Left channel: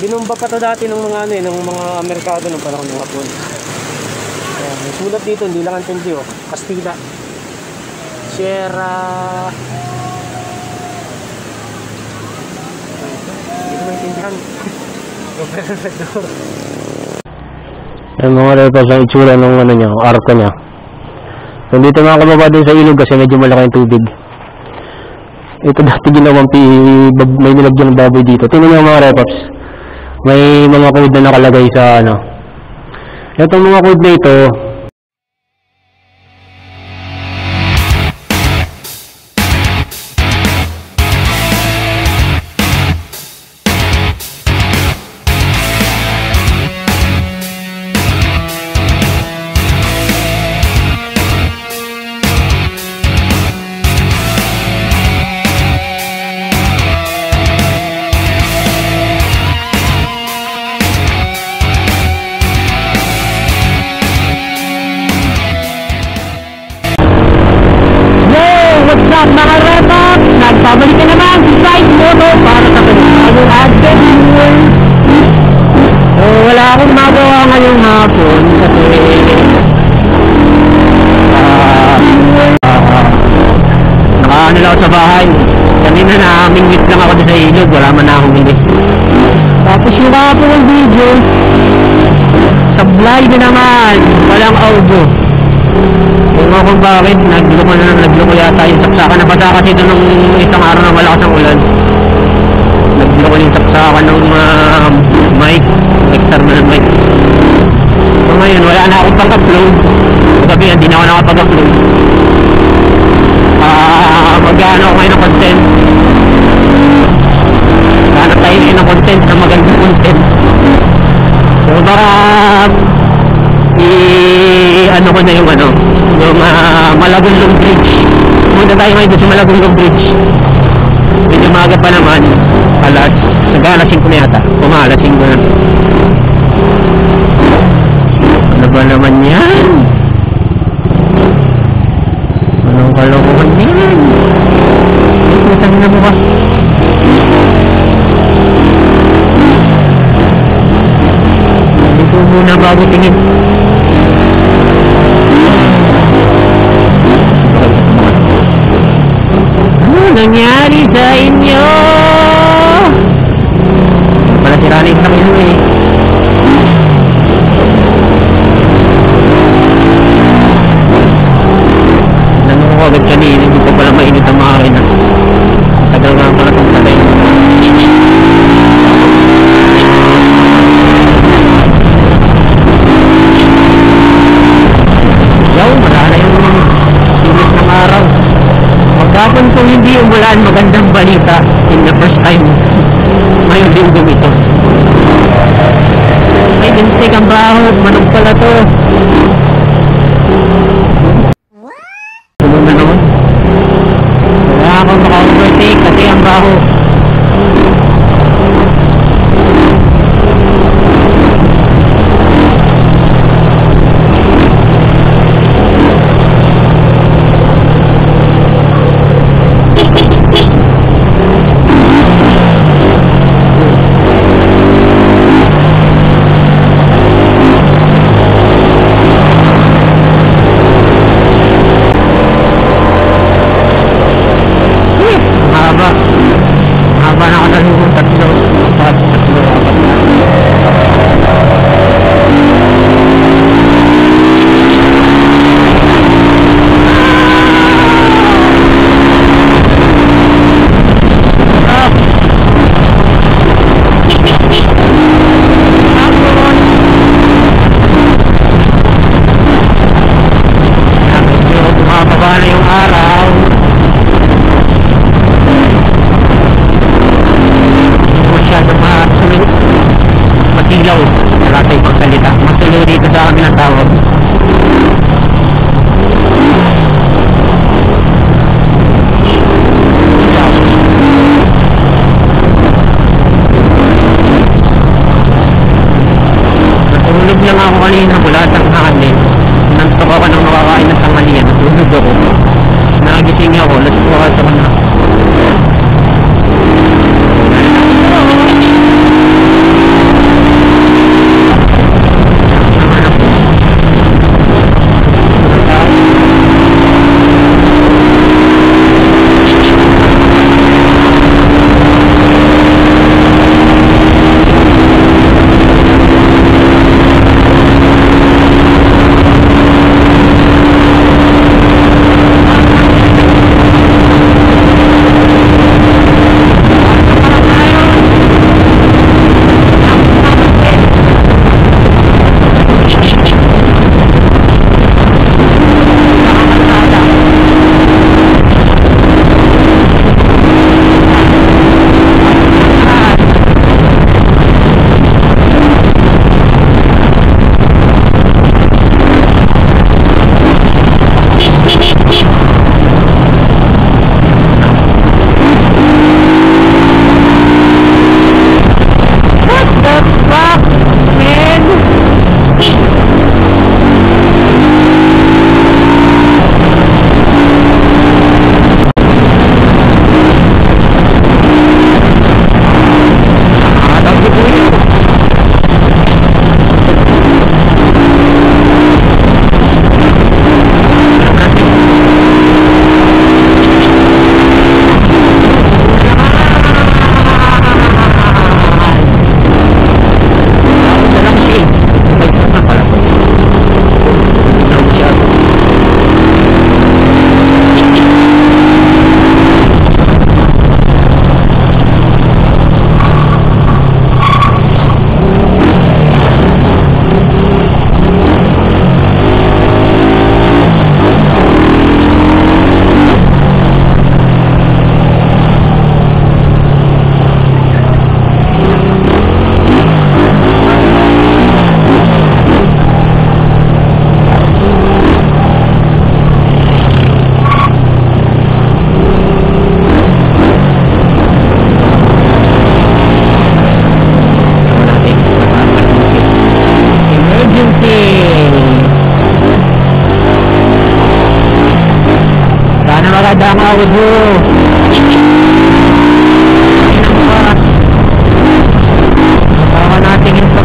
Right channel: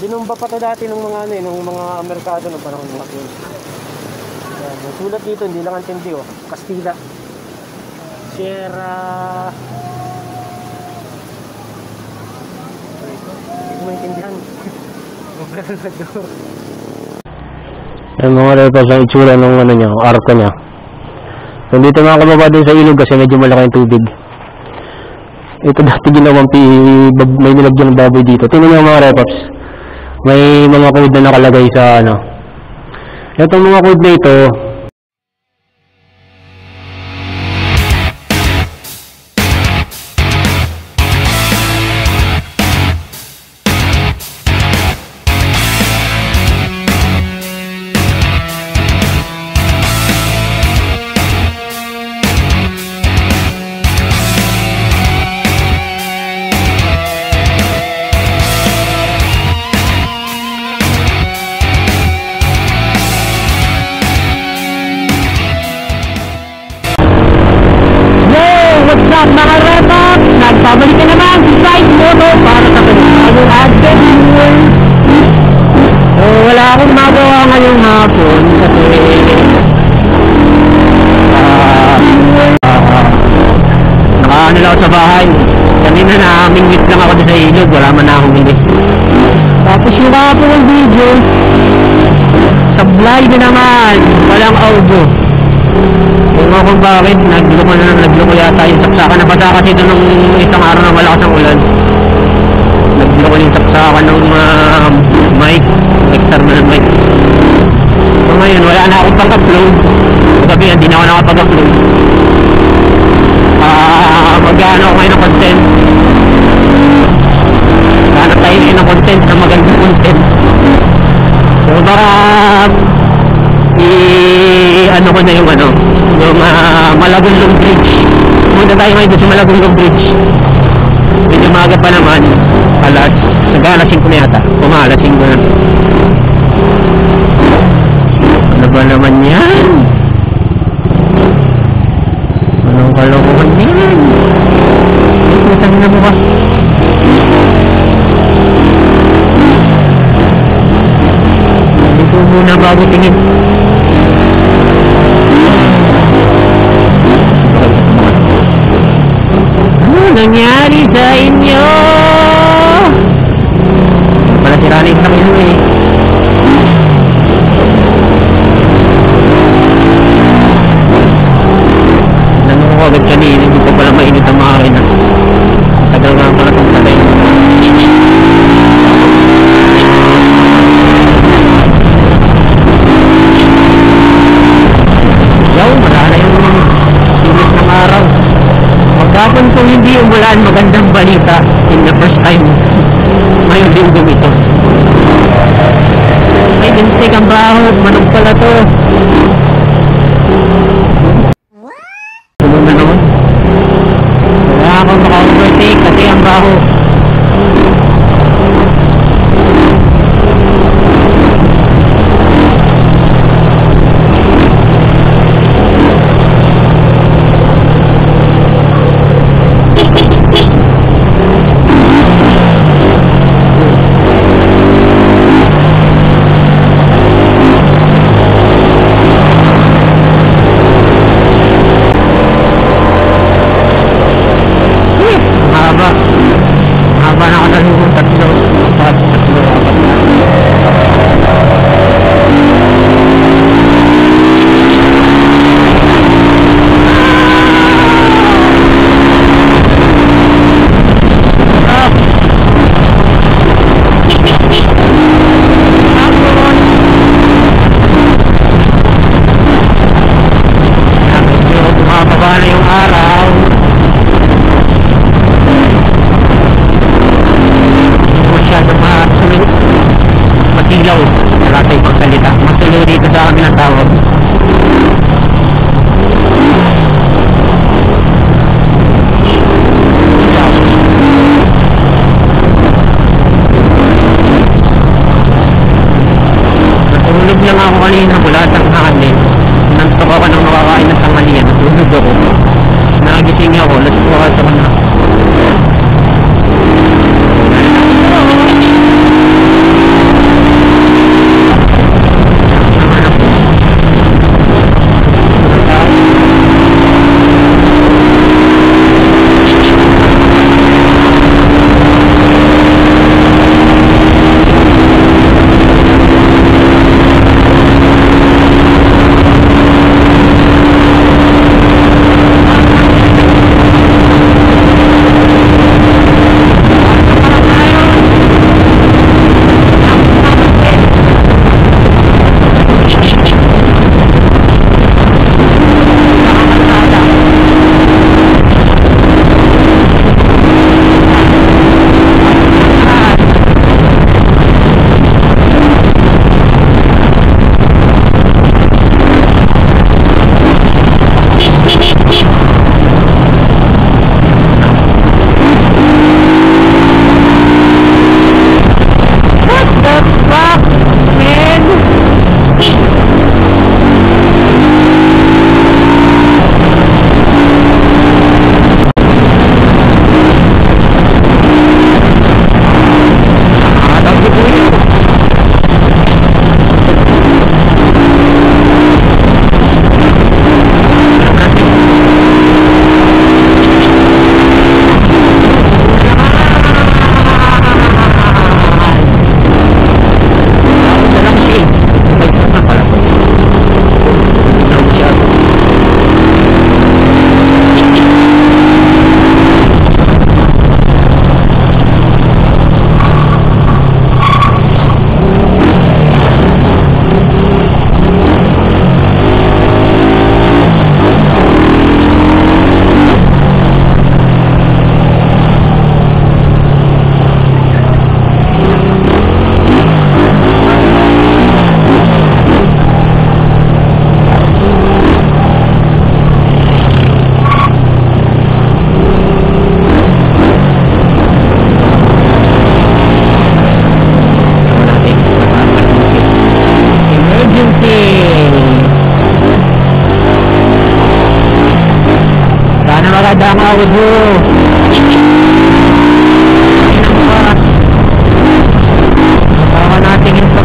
Binumba pa to dati ng mga ano eh, ng mga merkado ng panahon ng hapon. Sulat dito, hindi lang ang tindi oh. Kastila. Sierra. Ito may tindihan. Yung mga repas ang itsura ng ano niya, arko niya. Nandito mga kababa din sa ilog kasi medyo malaki yung tubig. Ito dati ginawang may nilagyan ng baboy dito. Tingnan niyo mga repaps. May mga code na nakalagay sa ano. Itong mga code na ito, mga repaps, nagbabalik ka naman sa Side Moto para sa panibagong adventure. So wala akong magawa ngayong hapon kasi nakaano lang ako sa bahay. Kanina na-mingwit lang ako sa ilog, wala man na akong mingwit. Tapos yung hapon ng video sablay na naman, walang audio. Kung ako bakit, nagluko yata yung saksakan. Nabasa kasi ito nung isang araw na malakas ang ulan. Nagluko yung saksakan ng mic, external mic. So ngayon, wala na akong pang-upload. Sabi, hindi na ako nakapag-upload. Mag-ano ako ngayon ng content. Hanap tayo ngayon ng content, na magandang content. So baka ano ko na yung Malagundong Bridge. Punta tayo ngayon sa Malagundong Bridge. Medyo maaga pa naman. Alas 5 na yata. Alas 5 na. Ano ba naman yan? Anong kalokohan yan? Matang na mo ba? Ito muna bago tingin. Nangyari sa inyo pala si Rani sa kayo eh. Nanong ko agad kanina, hindi ko pala mainit ang makakina. Tagal nga pala itong talay. Yaw, marala yung init ng araw. Kapag kung hindi umulan, magandang balita in the first time ngayong linggo ito. May ginsik ang baho, manong pala to. Ano na naman? Wala akong maka-overtake kasi ang baho. kanina mula tanghali. Nantok ako nang makakain ng tanghalian. Natulog ako. Nagising ako. Let's go ako na. audio. Baka natin ito.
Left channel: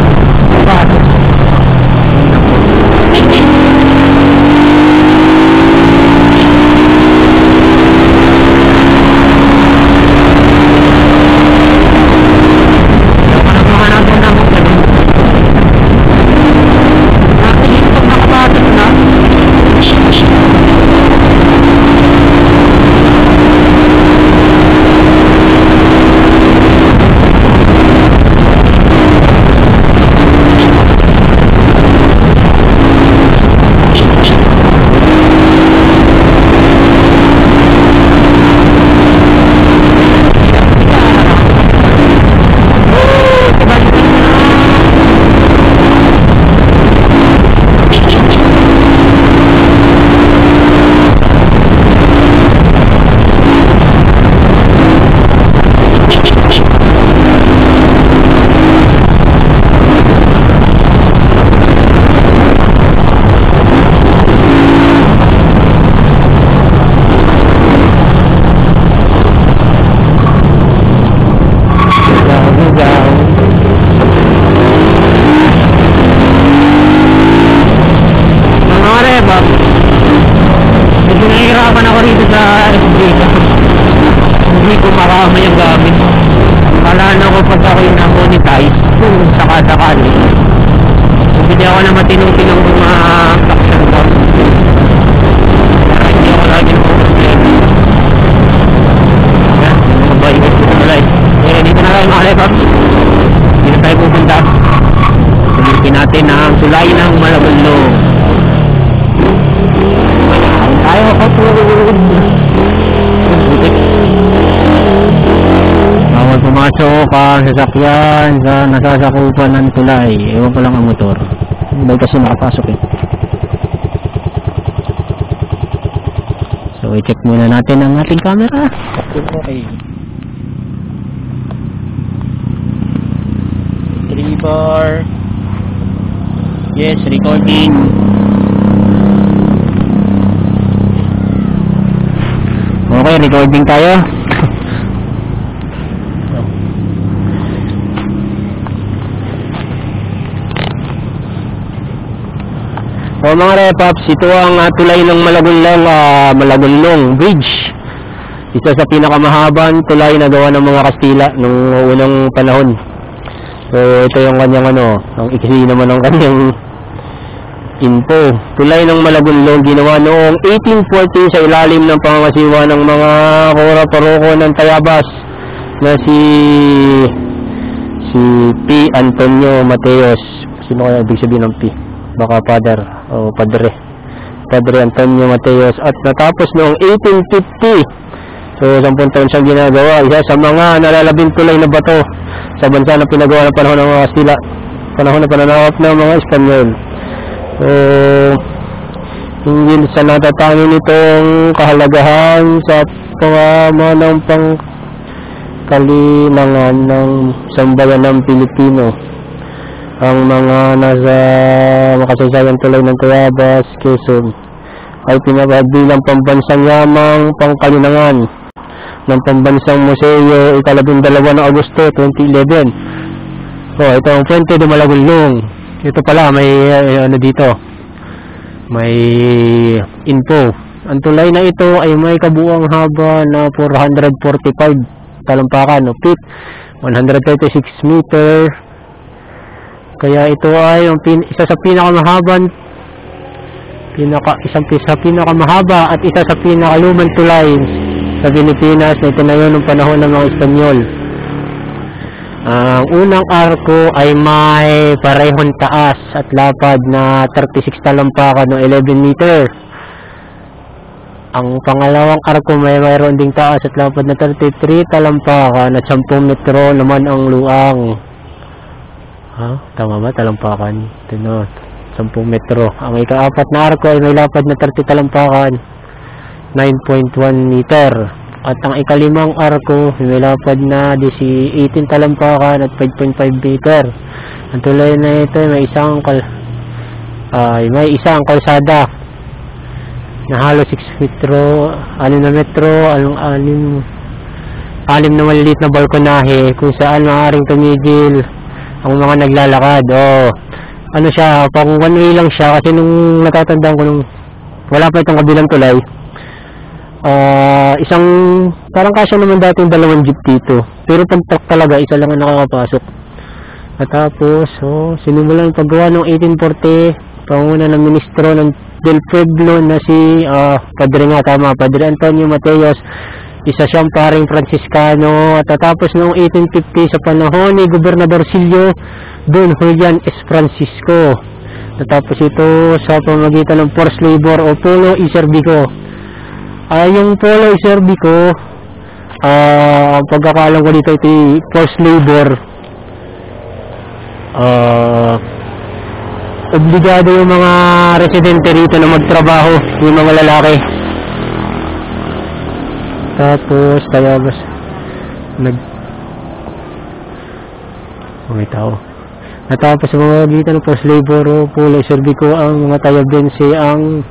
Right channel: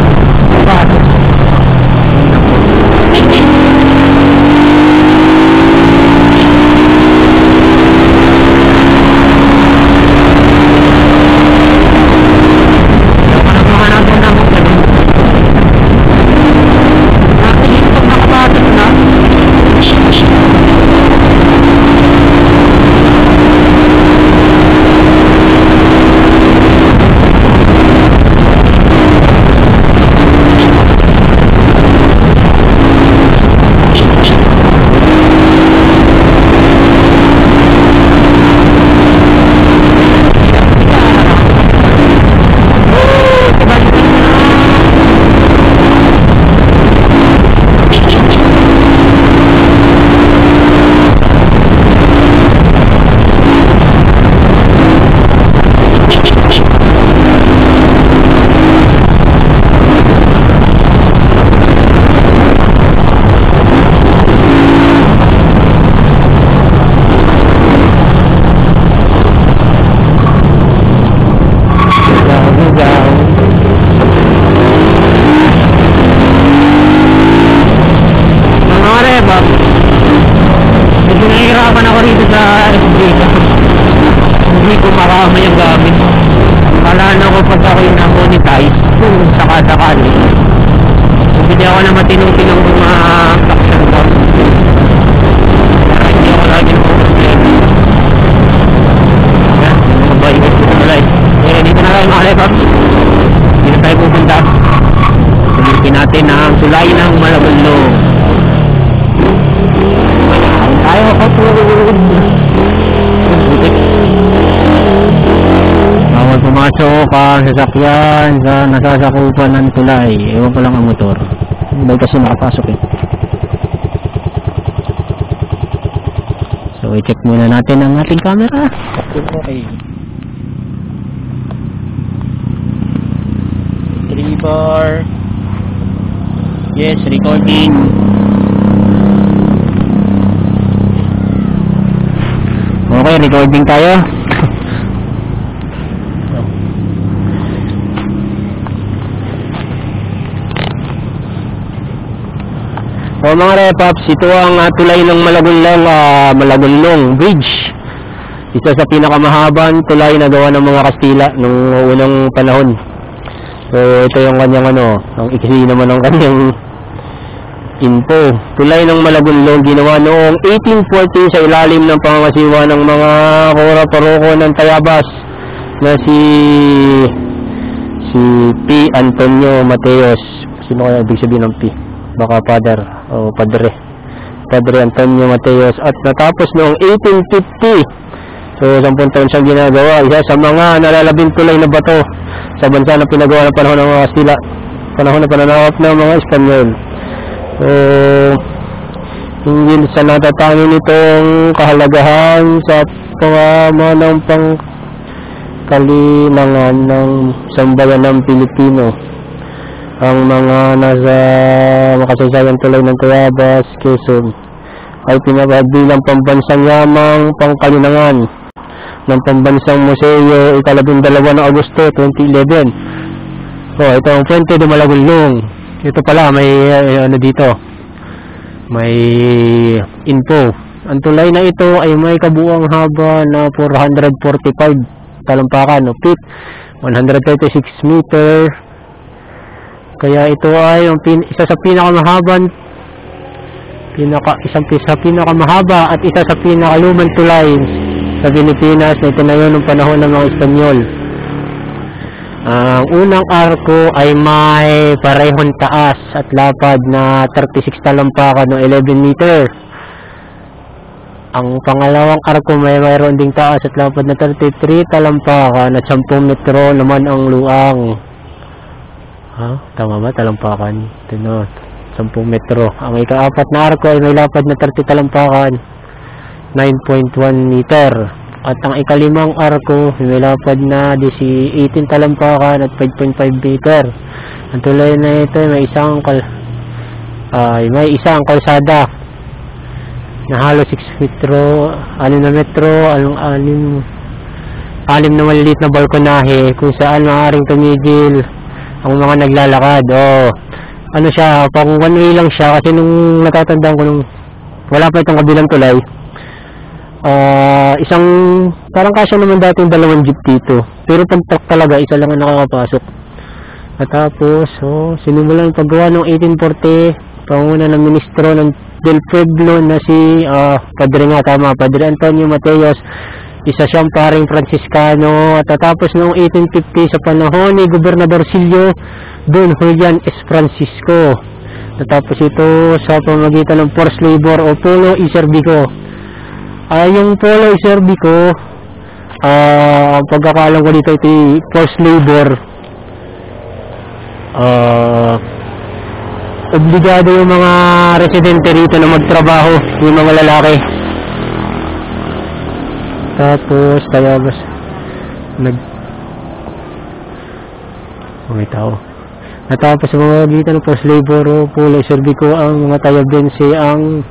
Tulay ng Malabunlong. Tayo kapag bawal pumasok ang sasakyan sa nasasakupan ng tulay. Ewan ko lang ang motor. Hindi kasi nakapasok eh. So i-check muna natin ang ating camera. Okay. 3 bar. Yes, recording. Okay, recording tayo. O mga repaps, ito ang tulay ng Malagunlong Bridge. Isa sa pinakamahabang tulay na gawa ng mga Kastila nung unang panahon. So ito yung kanyang ang iksi naman ng kanyang info. Tulay ng Malagunlong ginawa noong 1814 sa ilalim ng pangangasiwa ng mga kora-paroko ng Tayabas na si P. Antonio Mateos. Sino kaya ibig sabihin ng P? Baka father o padre Antonio Mateos. At natapos noong 1850. So 10 taon siyang ginagawa. Isa sa mga nalalabing tulay na bato sa bansa na pinagawa ng panahon ng mga Kastila, panahon na pananakop ng mga Espanyol. So hindi sa natatangi nitong kahalagahan sa pangamanang pangkalinangan ng sambayan ng Pilipino. Ang mga nasa makasaysayan tulay ng Tayabas, Quezon ay pinabilang pambansang yamang pangkalinangan ng pambansang museo ika-12 ng Agosto 2011. So ito ang Puente de Malagunlong. Ito pala may dito, may info. Ang tulay na ito ay may kabuuang haba na 445 talampakan o feet, 136 meter. Kaya ito ay isa sa pinakamahaba at isa sa pinakalumang tulay sa Pilipinas na itinayo ng panahon ng mga Espanyol. Ang unang arko ay may parehong taas at lapad na 36 talampakan o 11 meter. Ang pangalawang arko may mayroon ding taas at lapad na 33 talampakan at 10 metro naman ang luang. Tama ba? Talampakan. Ito no, 10 metro. Ang ika-apat na arko ay may lapad na 30 talampakan, 9.1 meter. At ang ika-limang arko ay may lapad na 18 talampakan at 5.5 meter. Ang tulay na ito ay may isang kalsada na halos 6 metro, 6 na metro, 6 na maliliit na balkonahe kung saan maaaring tumigil ang mga naglalakad. Ano siya, pang one way lang siya kasi nung natatandaan ko nung wala pa itong kabilang tulay, isang parang kasya naman dati yung 2 jeep dito, pero pag truck talaga isa lang ang nakakapasok. At tapos sinimulan ang paggawa ng 1840 panguna ng ministro ng Del Pueblo na si Padre Antonio Mateos. Isa siyang paring Franciscano. At tapos noong 1850 sa panahon ni Gobernador Silio Don Julian S. Francisco. Natapos ito sa pamamagitan ng forced labor o polo iserbico. Yung polo iserbico, pagkakaalam ko dito ito forced labor. Obligado yung mga residente rito na magtrabaho, yung mga lalaki. Tapos tayabas may tao. Natapos sa mga gita ng forced labor o polo iserbico, ang mga tayabense ang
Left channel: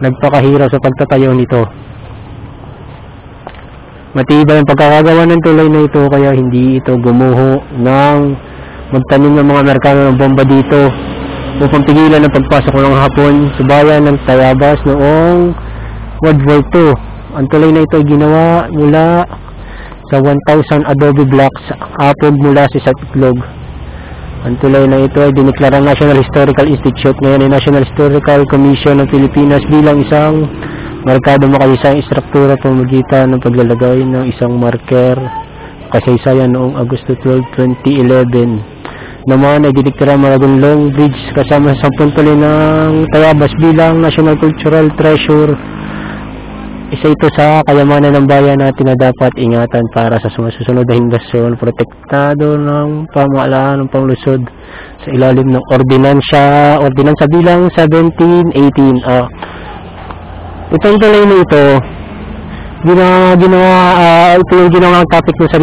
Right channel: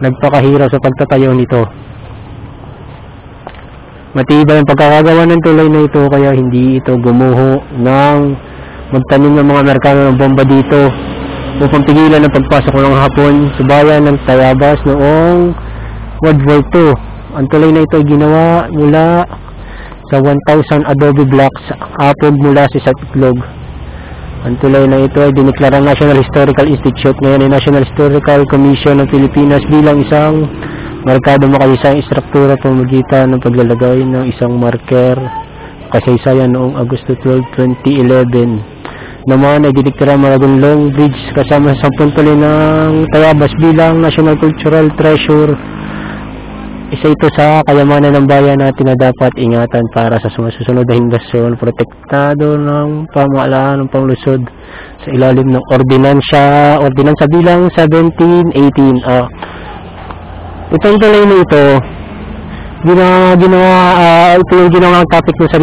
nagpakahirap sa pagtatayo nito. Matibay ang pagkakagawa ng tulay na ito, kaya hindi ito gumuho ng magtanim ng mga Amerikano ng bomba dito upang pigilan ang pagpasok ng Hapon sa bayan ng Tayabas noong World War II. Ang tulay na ito ay ginawa mula sa 1,000 adobe blocks apog mula sa Itlog. Ang tulay na ito ay diniklarang National Historical Institute, ngayon ay National Historical Commission ng Pilipinas, bilang isang markado makaisang istruktura pamamagitan ng paglalagay ng isang marker kasaysayan noong Agosto 12, 2011. Naman ay didiklara Maragunlong Bridge kasama sa 10 tuloy ng Tayabas bilang National Cultural Treasure. Isa ito sa kayamanan ng bayan natin na dapat ingatan para sa susunod na henerasyon. Protektado ng pamahalaan ng panglusod sa ilalim ng ordinansa bilang 1718. Itong tuloy na ito, ito yung ginawang topic ko sa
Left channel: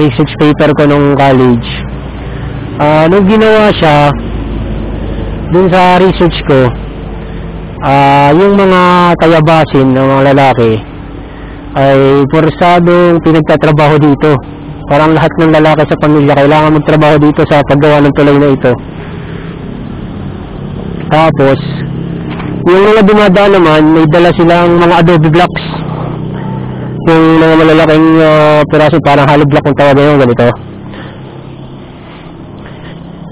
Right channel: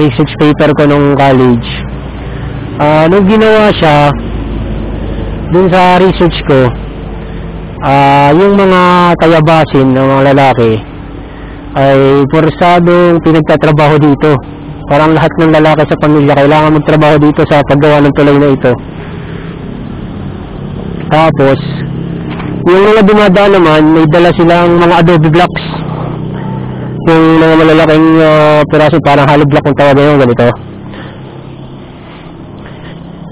research paper ko nung college. Nung ginawa siya dun sa research ko, yung mga tayabasin ng mga lalaki ay porsadong pinagtatrabaho dito. Parang lahat ng lalaki sa pamilya kailangan magtrabaho dito sa paggawa ng tulay na ito. Tapos yung mga dumadaan naman, may dala silang mga adobe blocks, yung mga malalaking piraso, parang hollow block kung tawag yung ganito.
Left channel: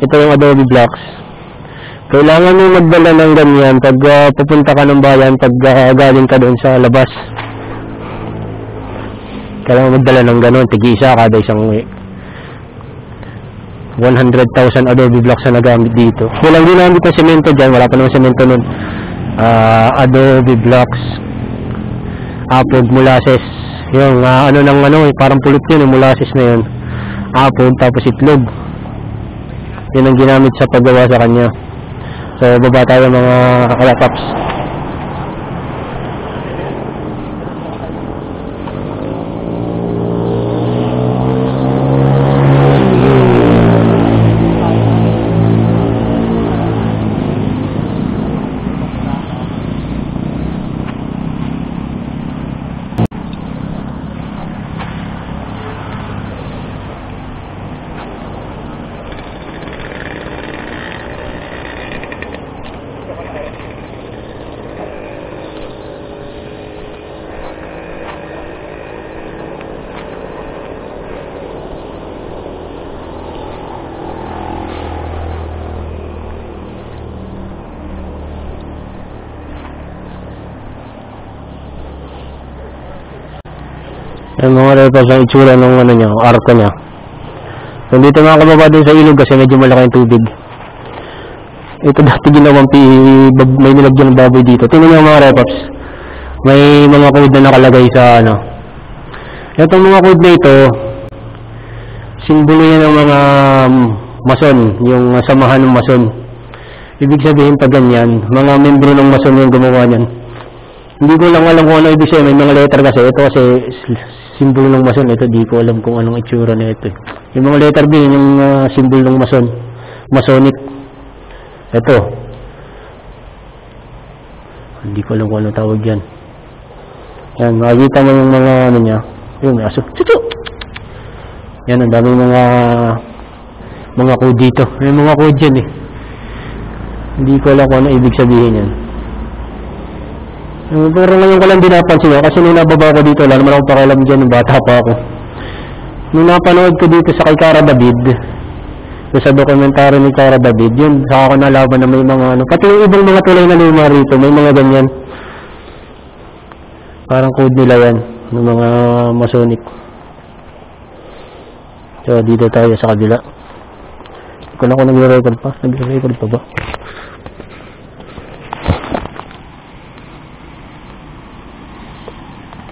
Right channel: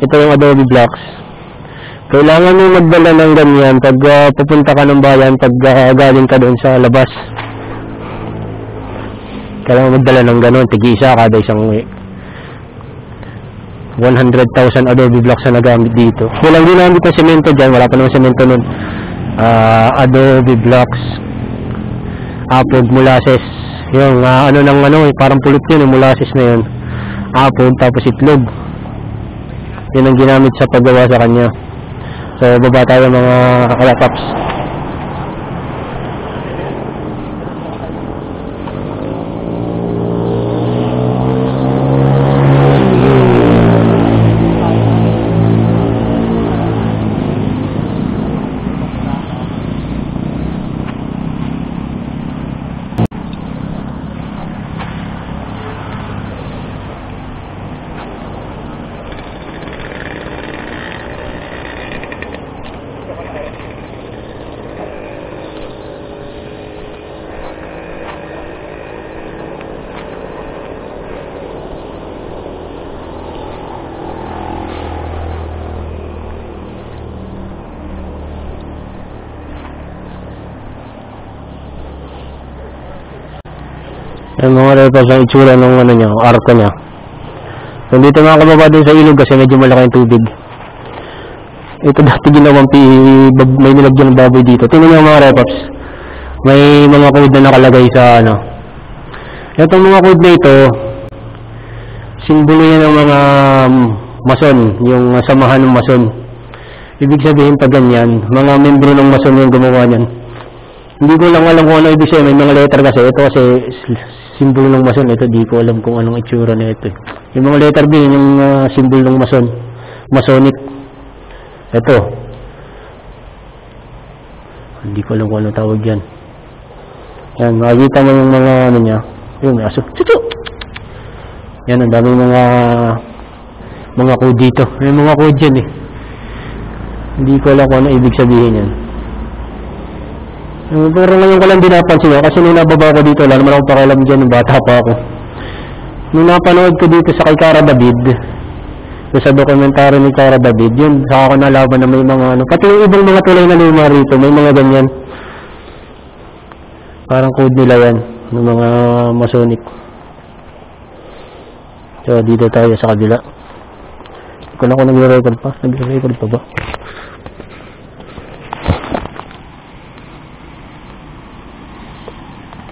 Ito yung adobe blocks. Kailangan mo magdala ng ganyan pag pupunta ka ng bayan, pag galing ka doon sa labas. Kailangan magdala ng ganon, tig-isa kada isang 100,000 adobe blocks na nagamit dito. Walang ginamit ng semento dyan, wala pa naman semento nun. Adobe blocks, apog, molasses, yung parang pulot yun, yung molasses na yun, apog, tapos itlog. Yun ang ginamit sa paggawa sa kanya. So baba tayo mga kalapaps. Yung mga repas ang itsura ng arko niya. So dito mga kababa din sa ilog kasi medyo malaki yung tubig. Ito dati ginawang may nilagyan ng baboy dito. Tingnan niyo mga repaps, may mga code na nakalagay sa itong mga code na ito, simbolo yan ng mga mason, yung samahan ng mason. Ibig sabihin pag ganyan, mga membro ng mason yung gumawa niyan. Hindi ko lang alam kung ano ibig sabihin, may mga letter kasi. Ito kasi simbolo ng mason. Ito di ko alam kung anong itsura na ito. Yung mga letter B, yung simbolo ng mason. Masonic. Ito. Hindi ko alam kung ano tawag yan. Yan, makikita mo yung mga ano niya. Yun, may aso. Chuchu! Yan, ang dami mga code dito. May mga code yan eh. Hindi ko alam kung ano ibig sabihin yan. Pero ngayon ko lang din napansin yun, kasi nung nababa ko dito, wala naman akong pakialam dyan, nung bata pa ako. Nung napanood ko dito sa kay Cara David, sa dokumentary ni Cara David, yun, saka ako nalaban na may mga ano, pati yung ibang mga tulay na luma rito, may mga ganyan. Parang code nila yan, ng mga Masonic. So, dito tayo sa kabila. Hindi ko na kung nagre-record pa. Nagre-record pa ba?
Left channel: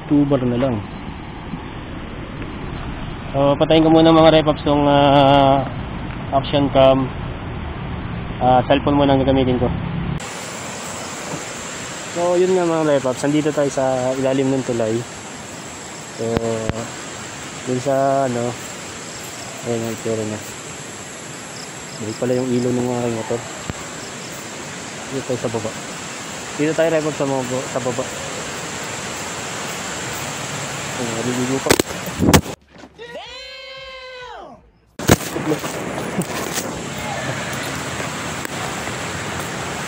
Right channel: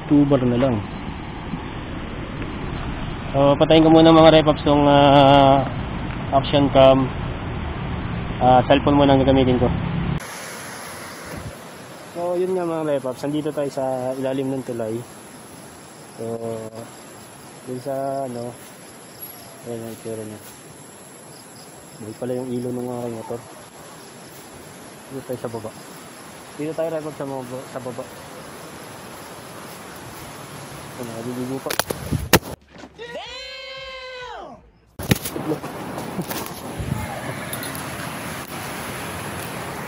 Tubar na lang. So, patayin ko muna mga repops tong action cam. Cellphone muna ang gagamitin ko. So, yun nga mga repops. Nandito tayo sa ilalim ng tulay. So, dun sa ano, ayun ang itsura niya. Dito pala yung ilaw ng aking motor. Dito tayo sa baba. Dito tayo repops sa baba. Naliligo pa.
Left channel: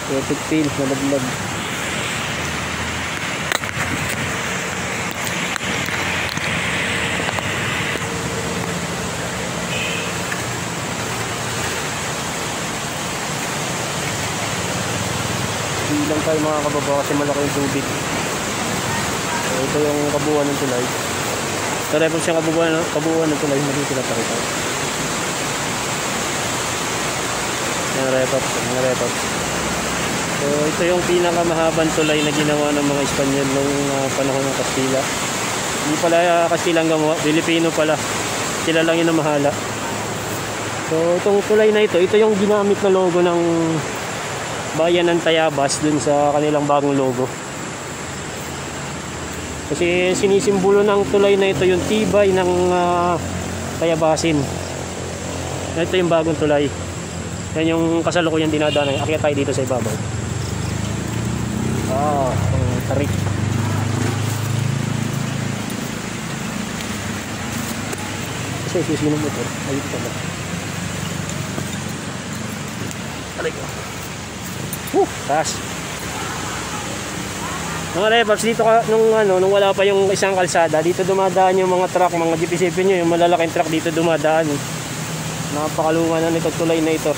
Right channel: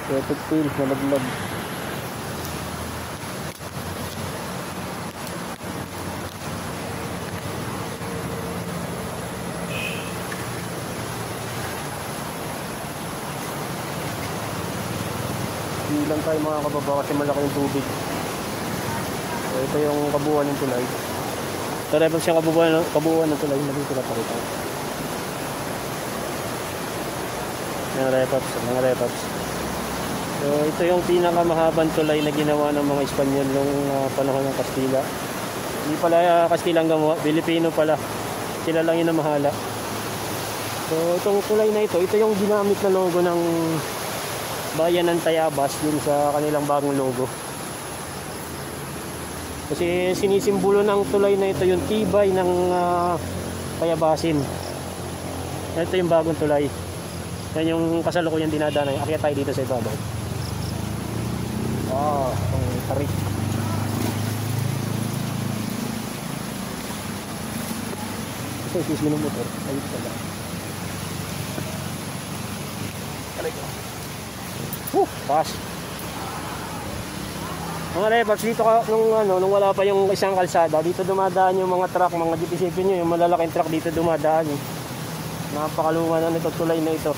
Electric tail, malaglag. Hindi lang tayo mga kababa kasi malaki yung tubig. Ito yung kabuuan ng tulay. Ito na po siya kabuuan ng tulay, hindi pinapakita. Mga repops. So, ito yung pinakamahabang tulay na ginawa ng mga Espanyol noong panahon ng Kastila. Hindi pala Kastila ang gumawa, Pilipino pala. Sila lang yung namahala. So, itong tulay na ito yung ginamit na logo ng bayan ng Tayabas dun sa kanilang bagong logo. Kasi sinisimbolo ng tulay na ito yung tibay ng Tayabasin. Ito yung bagong tulay. Yan yung kasalukuyan dinadaanan. Akyat tayo dito sa ibabaw. Ang tarik. Kasi mo ng motor. Dito tayo. Taas. Mga repops, dito nung wala pa yung isang kalsada, dito dumadaan yung mga truck, mga jeep. Isipin nyo, yung malalaking truck dito dumadaan. Napakalungan na nito tulay na ito.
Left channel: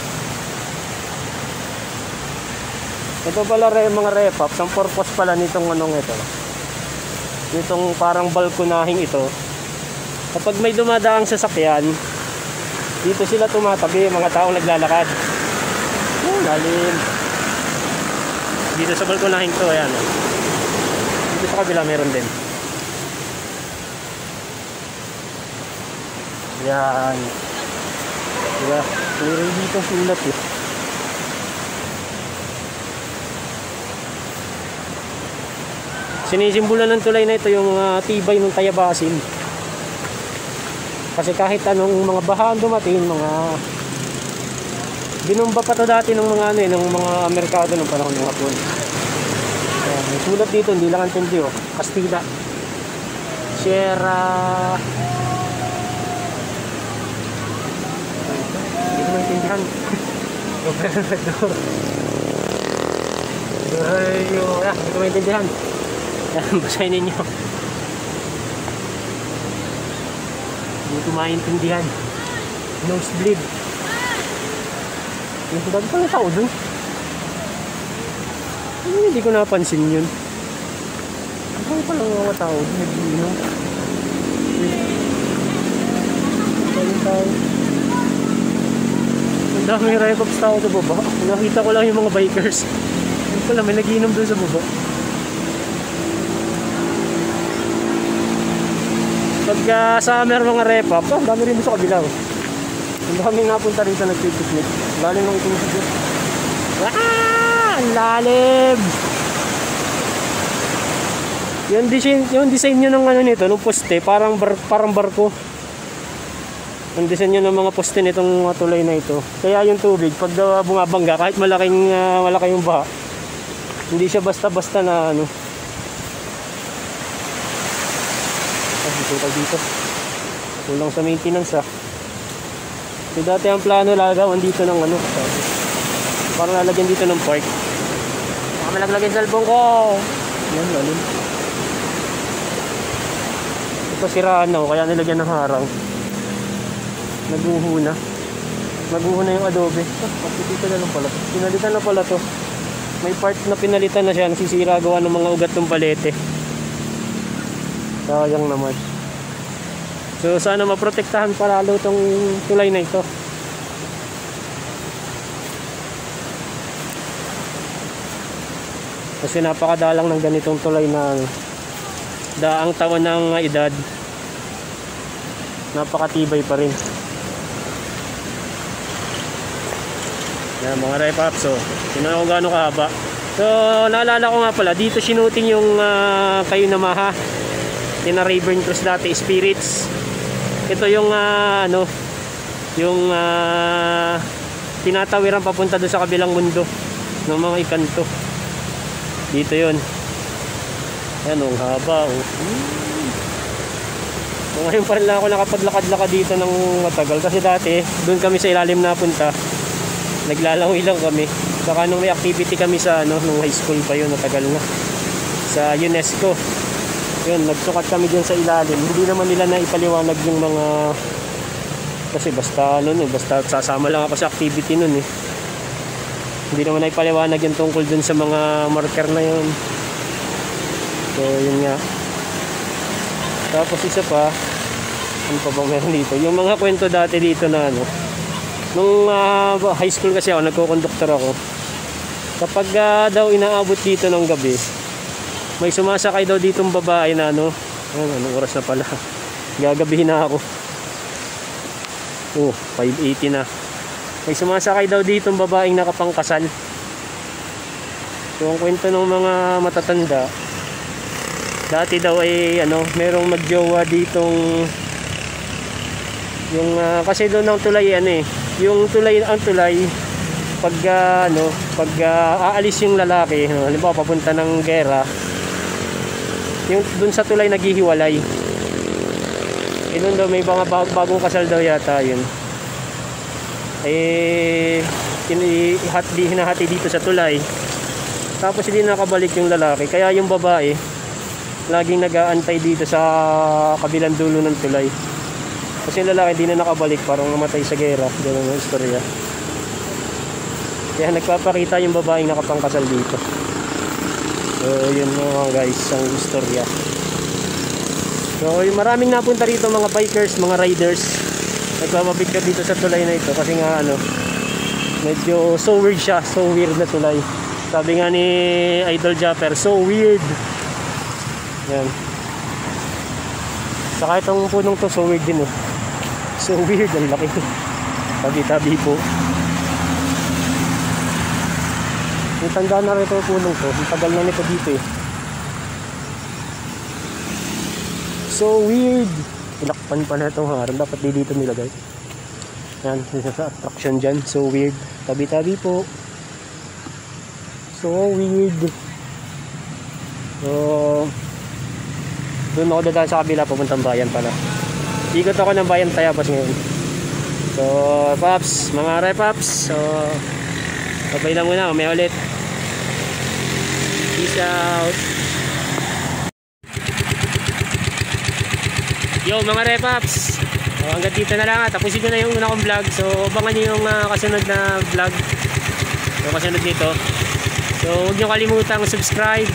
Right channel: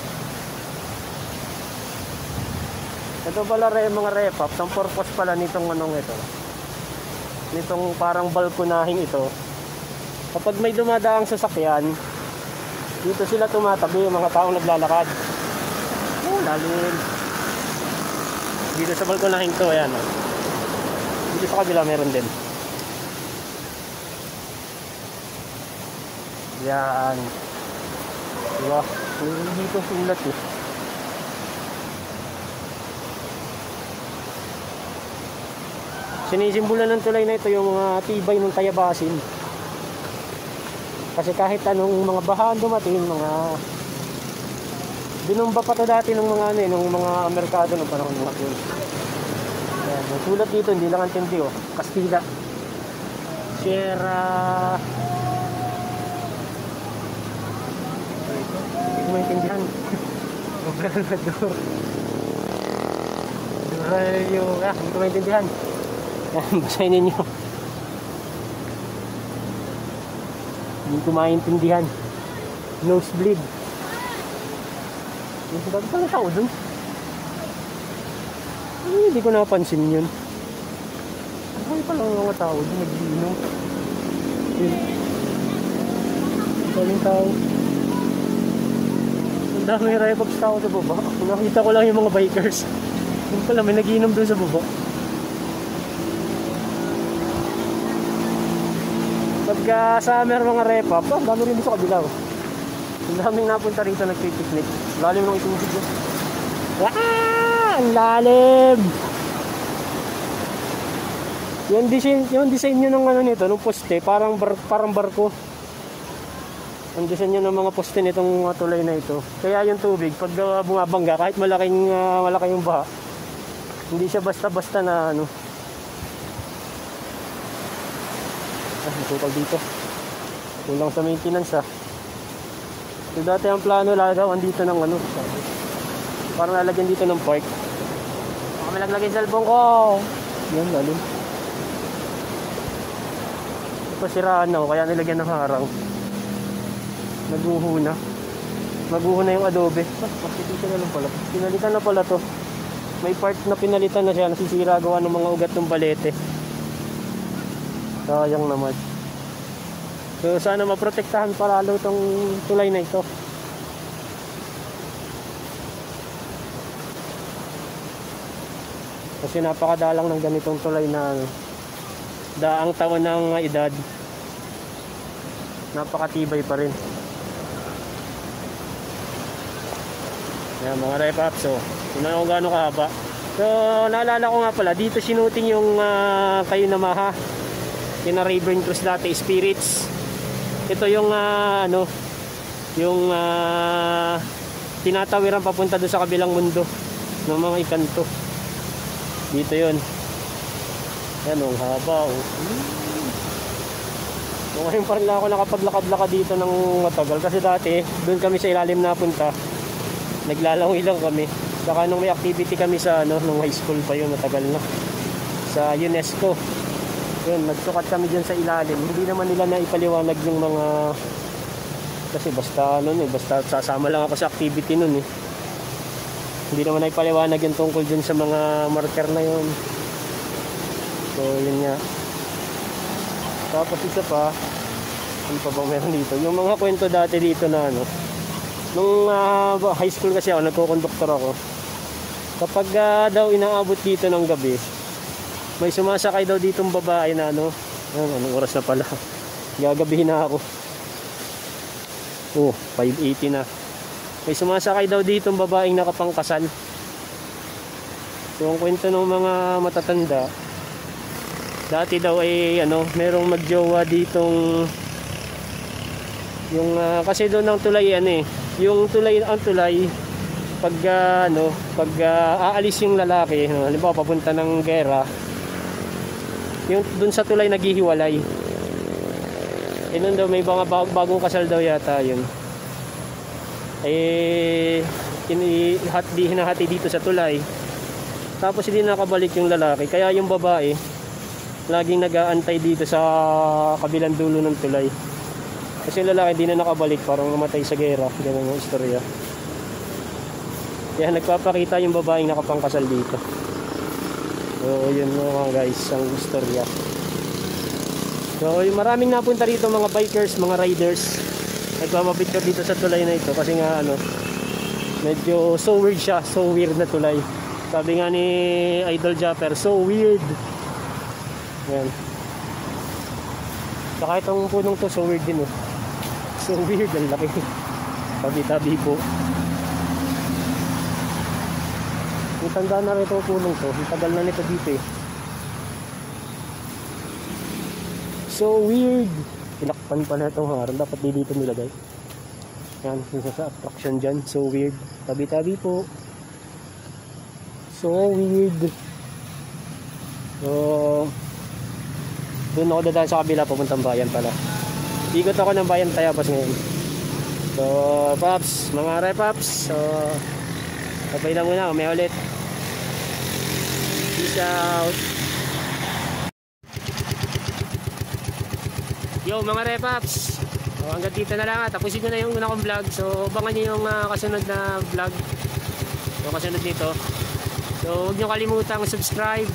Ito pala mga repops, ang purpose pala nitong ito. Nitong parang balkonahing ito. Kapag may dumadaang sasakyan, dito sila tumatabi, mga taong naglalakad. Yan, lalim. Dito sa balkonahing to, ayan. Sa kabila meron din. Yan. Diba? Meron dito sulat eh. Sinisimbolan ng tulay na ito yung tibay ng Tayabasin. Kasi kahit anong mga bahaan dumating, mga binumba pa to dati ng mga ng mga merkado ng panahon ng Hapon. Sulat dito, hindi lang ang tindi oh. Kastila. Sierra. Hindi ko maintindihan. Gobernador. Hindi ko maintindihan. Basahin ninyo. Hindi ko maintindihan. Nosebleed. Yung sulat ko ng tao dun. Hindi ko napansin yun. Ano pa lang mga tao? Ang dami repops tao sa baba. Nakita ko lang yung mga bikers. Wala, may nagiinom doon sa baba. Pagka summer mga repop, ang dami rin sa kabila. Ang dami nga punta rin sa nagpipiknik. Lalim ang ipinipiknik. Ang lalim! Yung design nyo ng nito, ng poste, parang barko. Yung design nyo ng mga poste nitong tulay na ito. Kaya yung tubig, pag bumabangga, kahit malaki yung baha, Hindi siya basta-basta na ano. Dito. Kulang sa maintenance ha. So dati ang plano lagawan dito ng ano. Para lalagyan dito ng park. Baka malaglag yung cellphone ko. Yan, lalim. Ito siraan no, kaya nilagyan ng harang. Naguho na. Naguho na yung adobe. Dito na lang pala. Pinalitan na pala to. May part na pinalitan na siya. Nasisira gawa ng mga ugat ng palete. Sayang naman. So sana maprotektahan palalo itong tulay na ito. Kasi napakadalang ng ganitong tulay na daang taon ng edad. Napakatibay pa rin. Yan mga repaps. So tingnan kung gaano kahaba. So naalala ko nga pala, dito sinuting yung Kayo na Maha Tina Rayburn Cruz dati, Spirits. Ito yung ano, yung tinatawiran papunta doon sa kabilang mundo ng mga ikanto. Dito yun. Yan ang haba. Ngayon pa rin lang ako nakapaglakad-lakad dito ng matagal. Kasi dati, doon kami sa ilalim napunta. Naglalangoy lang kami. Saka nung may activity kami sa ano, nung high school pa yun, natagal na. Sa UNESCO. Yun, nagsukat kami dyan sa ilalim. Hindi naman nila na ipaliwanag yung mga, kasi basta ano, basta sasama lang ako sa activity nun eh. Hindi naman na ipaliwanag yung tungkol dun sa mga marker na yun. So yun nga. Tapos isa pa, ano pa bang meron dito? Yung mga kwento dati dito na ano, nung high school kasi ako, nagko-conductor ako. Kapag daw inaabot dito ng gabi, may sumasakay daw ditong babae na ano, anong oras na pala, gagabihin na ako. 5:80 na. May sumasakay daw ditong babaeng nakapangkasal. Yung kwento ng mga matatanda, dati daw ay ano, merong magjowa ditong yung kasi doon ang tulay ano eh, yung tulay, ang tulay pag ano, pag aalis yung lalaki, halimbawa papunta ng gera, yung dun sa tulay naghihiwalay. Yun daw, may mga bagong kasal daw yata yun. Hinahati dito sa tulay. Tapos hindi nakabalik yung lalaki. Kaya yung babae, laging nag-aantay dito sa kabilang dulo ng tulay. Kasi yung lalaki hindi na nakabalik, parang namatay sa gera. Yan ang istorya. Kaya nagpapakita yung babaeng nakapangkasal dito. So yun mga guys, ang istorya. So yung maraming napunta rito, mga bikers, mga riders, nagpapapicture dito sa tulay na ito. Kasi nga ano, medyo so weird siya, so weird na tulay. Sabi nga ni Idol Japper, so weird. Yan. Saka itong punong to, so weird din eh. So weird, ang laki. Tabi-tabi po. May tanda na rin itong punong to. Ang tagal na nito dito eh. So weird. Ilakpan pa na itong harang. Dapat di dito nilagay. Yan, dito sa attraction dyan. So weird. Tabi-tabi po. So weird. Doon ako dadaan sa kabila, pupuntang bayan pala. Ikot ako ng bayan Tayabas ngayon. So Paps, mga repaps, so sabay lang muna, may ulit. Peace out. Yo mga repaps, so hanggang dito na lang. Tapusin ko na yung una kong vlog. So abangan nyo yung kasunod na vlog, yung kasunod dito. So huwag nyo kalimutang subscribe,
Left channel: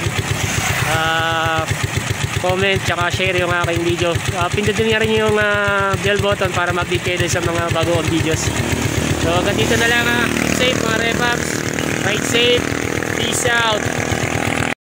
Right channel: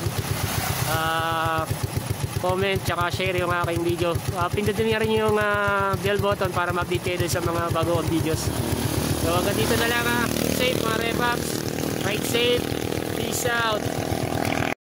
comment, tsaka share yung aking video. Pindutin nyo rin yung bell button para ma-update kayo sa mga bagong videos. So hanggang dito na lang. Safe mga repaps, ride safe, peace out.